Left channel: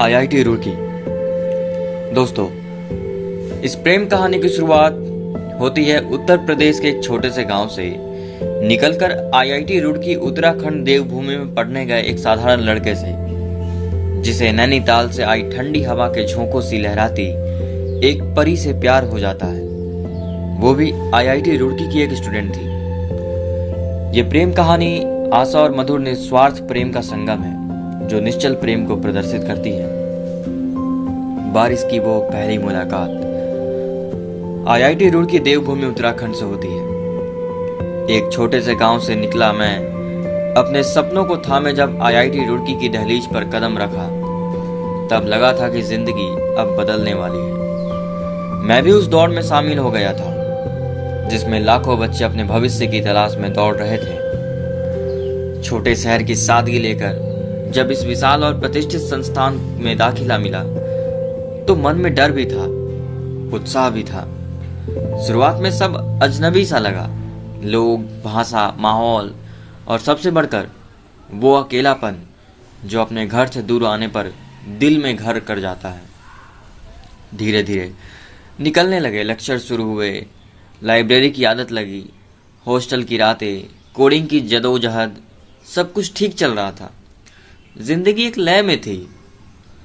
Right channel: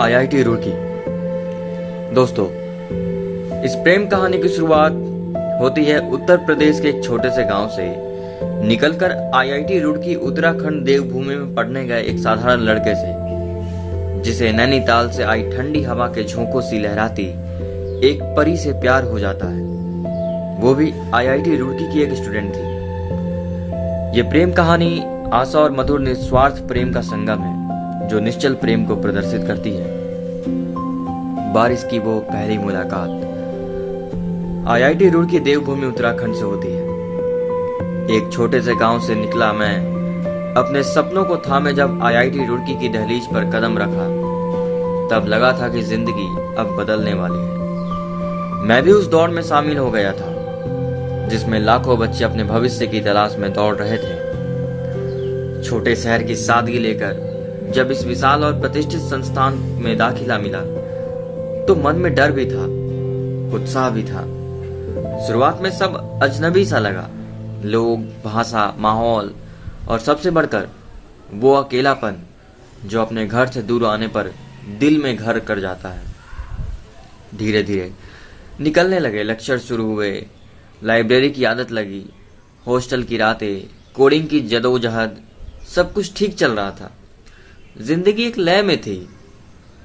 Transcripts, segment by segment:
IIT Roorkee. दोस्तों, इस प्रेम कहानी की शुरुआत होती है उत्तर प्रदेश के एक छोटे से गांव से। निकलकर आईआईटी रुड़की उत्तराखंड देवभूमि में पढ़ने गए एक साधारण लड़के से, जिसे नैनीताल से आई ठंडी हवा के झोंकों सी लहराती एक परी से प्यार हो जाता है। वो भी आईआईटी रुड़की की एक स्टूडेंट थी। ये प्रेम कहानी आशा और मधुर निस्वार्थ प्रेम का संगम है, जो निश्चल प्रेम को प्रदर्शित करती है। बारिश की वो पहली मुलाकात आईआईटी रुड़की देवभूमि उत्तराखंड से होती है। एक छोटे से गांव से निकला मैं अपने सपनों को थामे जब आईआईटी रुड़की की दहलीज पर कदम रखा, तब लगा था कि जिंदगी अब बदलने वाली है। मैं भी उस दौड़ में शामिल हो गया था, जिसमें लाखों बच्चे अपने भविष्य की तलाश में दौड़ रहे थे। छोटे शहर की सादगी लेकर जब इस विशाल और प्रतिष्ठित संस्थान में दाखिला मिला, तो मन में डर भी था, उत्साह भी था। शुरुआत में सब अजनबी सा लगा, लोग, भाषा, माहौल और सबसे बढ़कर वो अकेलापन जो अपने घर से दूर आने पर दिल में घर कर जाता है। धीरे धीरे निकलने लगे, लेक्चर शुरू हुए, लाइब्रेरी की आदत लगी, हॉस्टल की रातें, कोडिंग की जदोजहद, सब कुछ ठीक चल रहा था। जिंदगी एक लय में थी,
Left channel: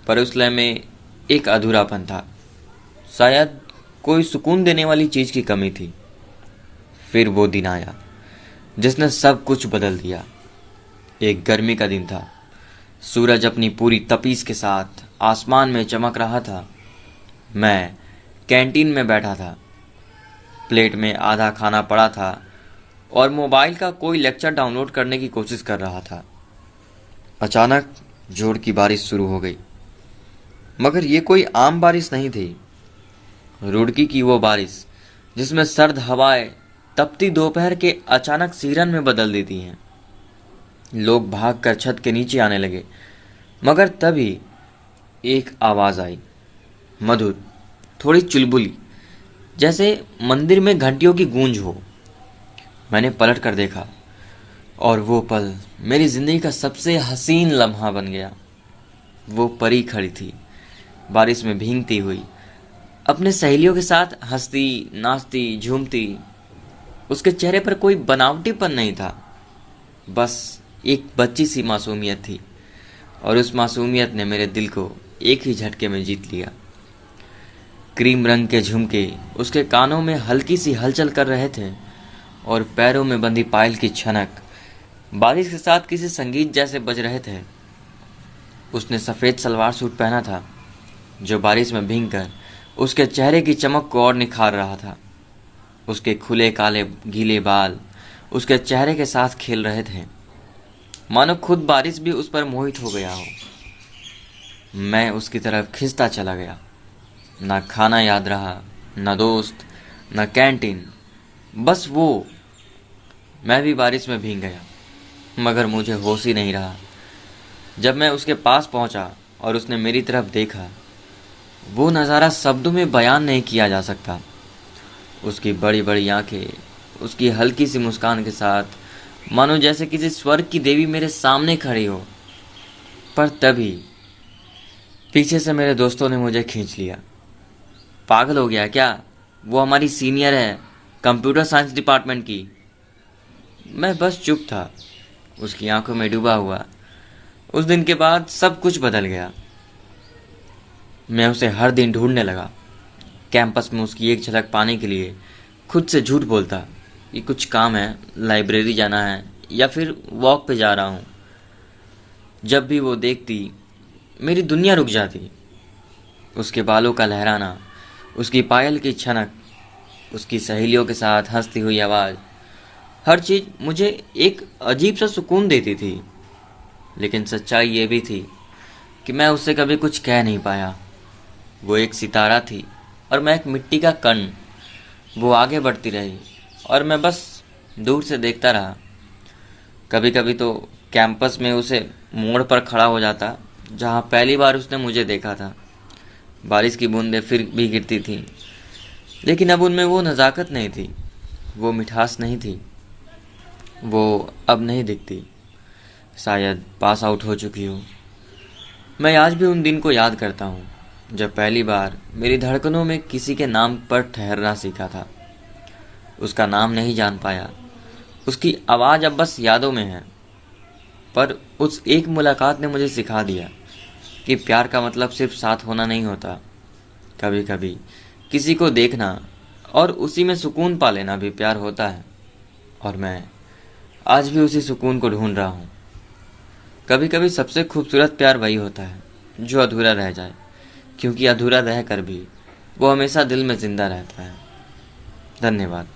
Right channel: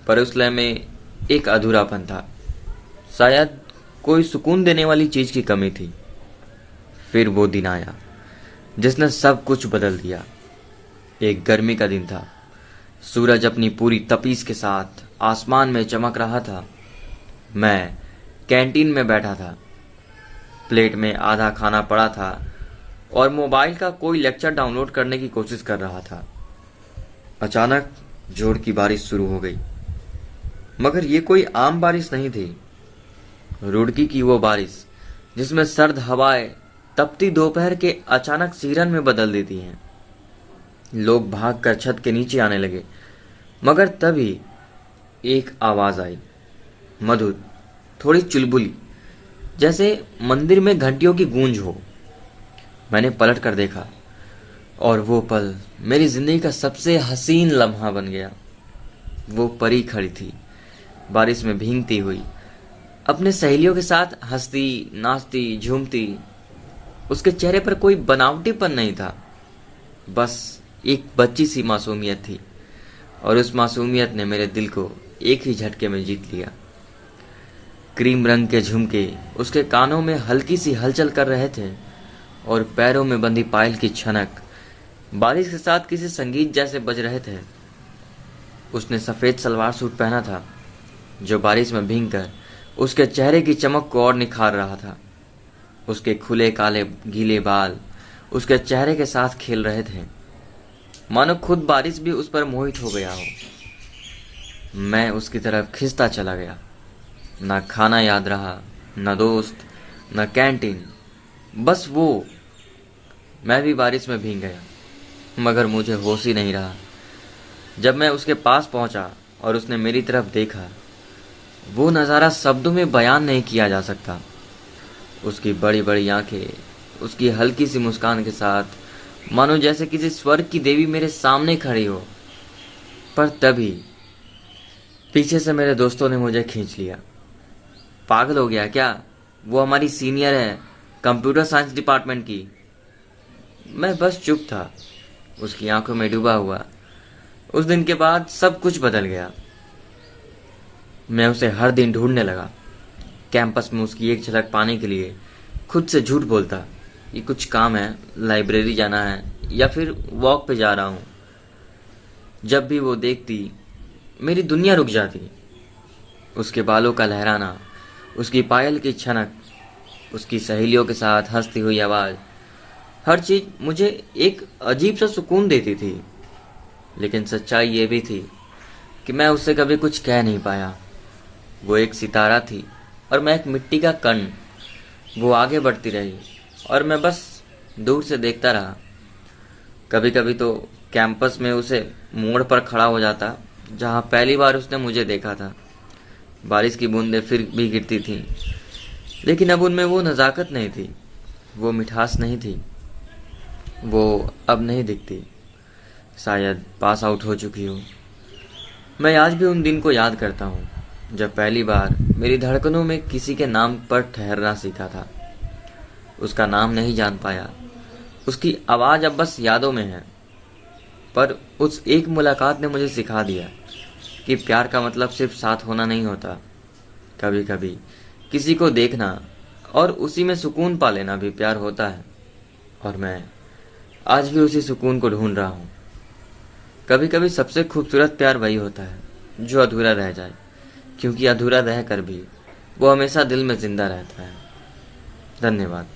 पर उस लय में एक अधूरापन था। शायद कोई सुकून देने वाली चीज की कमी थी। फिर वो दिन आया जिसने सब कुछ बदल दिया। एक गर्मी का दिन था। सूरज अपनी पूरी तपीस के साथ आसमान में चमक रहा था। मैं कैंटीन में बैठा था। प्लेट में आधा खाना पड़ा था और मोबाइल का कोई लेक्चर डाउनलोड करने की कोशिश कर रहा था। अचानक जोर की बारिश शुरू हो गई, मगर ये कोई आम बारिश नहीं थी। रुड़की की वो बारिश जिसमें सर्द हवाएं तपती दोपहर के अचानक सीरन में बदल देती हैं। लोग भागकर छत के नीचे आने लगे, मगर तभी एक आवाज आई, मधुर, थोड़ी चुलबुली, जैसे मंदिर में घंटियों की गूंज हो। मैंने पलट कर देखा और वो पल मेरी जिंदगी का सबसे हसीन लम्हा बन गया। वो परी खड़ी थी, बारिश में भीगती हुई, अपने सहेलियों के साथ हंसती, नाचती, झूमती। उसके चेहरे पर कोई बनावटीपन नहीं था, बस एक बच्ची सी मासूमियत थी, और उस मासूमियत ने मेरे दिल को एक ही झटके में जीत लिया। क्रीम रंग के झुमके उसके कानों में हल्की सी हलचल कर रहे थे, और पैरों में बंधी पायल की छनक बारिश के साथ किसी संगीत जैसे बज रहे थे। उसने सफेद सलवार सूट पहना था, जो बारिश में भीगकर उसके चेहरे की चमक को और निखार रहा था। उसके खुले काले गीले बाल उसके चेहरे के साथ खेल रहे थे, मानो खुद बारिश भी उस पर मोहित हो गया हो। मैं उसकी तरफ खिंचता चला गया। ना खाना याद रहा, न दोस्त, न कैंटीन, बस वो। मैं भी बारिश में भीग गया, मगर मुझे होश ही नहीं रहा। जब मैं उसके पास पहुंचा और उसने मेरी तरफ देखा, वो नज़ारा शब्दों में बयान नहीं किया जा सकता। उसकी बड़ी बड़ी आंखें, उसकी हल्की सी मुस्कान के साथ, मानो जैसे किसी स्वर्ग की देवी मेरे सामने खड़ी हो। पर तभी पीछे से मेरे दोस्तों ने मुझे खींच लिया। पागल हो गया क्या? वो हमारी सीनियर है, कंप्यूटर साइंस डिपार्टमेंट की। मैं बस चुप था, उसकी आंखों में डूबा हुआ। उस दिन के बाद सब कुछ बदल गया। मैं उसे हर दिन ढूंढने लगा। कैंपस में उसकी एक झलक पाने के लिए खुद से झूठ बोलता कि कुछ काम है, लाइब्रेरी जाना है, या फिर वॉक पे जा रहा हूँ। जब भी वो देखती, मेरी दुनिया रुक जाती। उसके बालों का लहराना, उसकी पायल की छनक, उसकी सहेलियों के साथ हंसती हुई आवाज़, हर चीज मुझे एक अजीब सा सुकून देती थी। लेकिन सच्चाई ये भी थी कि मैं उससे कभी कुछ कह नहीं पाया। वो एक सितारा थी और मैं एक मिट्टी का कण। वो आगे बढ़ती रही और मैं बस दूर से देखता रहा। कभी कभी तो कैंपस में उसे मोड़ पर खड़ा हो जाता, जहाँ पहली बार उसने मुझे देखा था। बारिश की बूंदें फिर भी गिरती थीं, लेकिन अब उनमें वो नज़ाकत नहीं थी, वो मिठास नहीं थी। वो अब नहीं दिखती। शायद पास आउट हो चुकी हूँ। मैं आज भी उन दिन को याद करता हूँ जब पहली बार मेरी धड़कनों में किसी के नाम पर ठहरना सीखा था। उसका नाम नहीं जान पाया, उसकी आवाज़ अब बस यादों में है, पर उस एक मुलाकात ने मुझे सिखा दिया कि प्यार का मतलब सिर्फ साथ होना नहीं होता। कभी कभी किसी को देखना और उसी में सुकून पा लेना भी प्यार होता है, और मैं आज भी उसी सुकून को ढूंढ रहा हूँ। कभी कभी सबसे खूबसूरत प्यार वही होता है जो अधूरा रह जाए, क्योंकि अधूरा रह कर भी वो हमेशा दिल में जिंदा रहता है। धन्यवाद।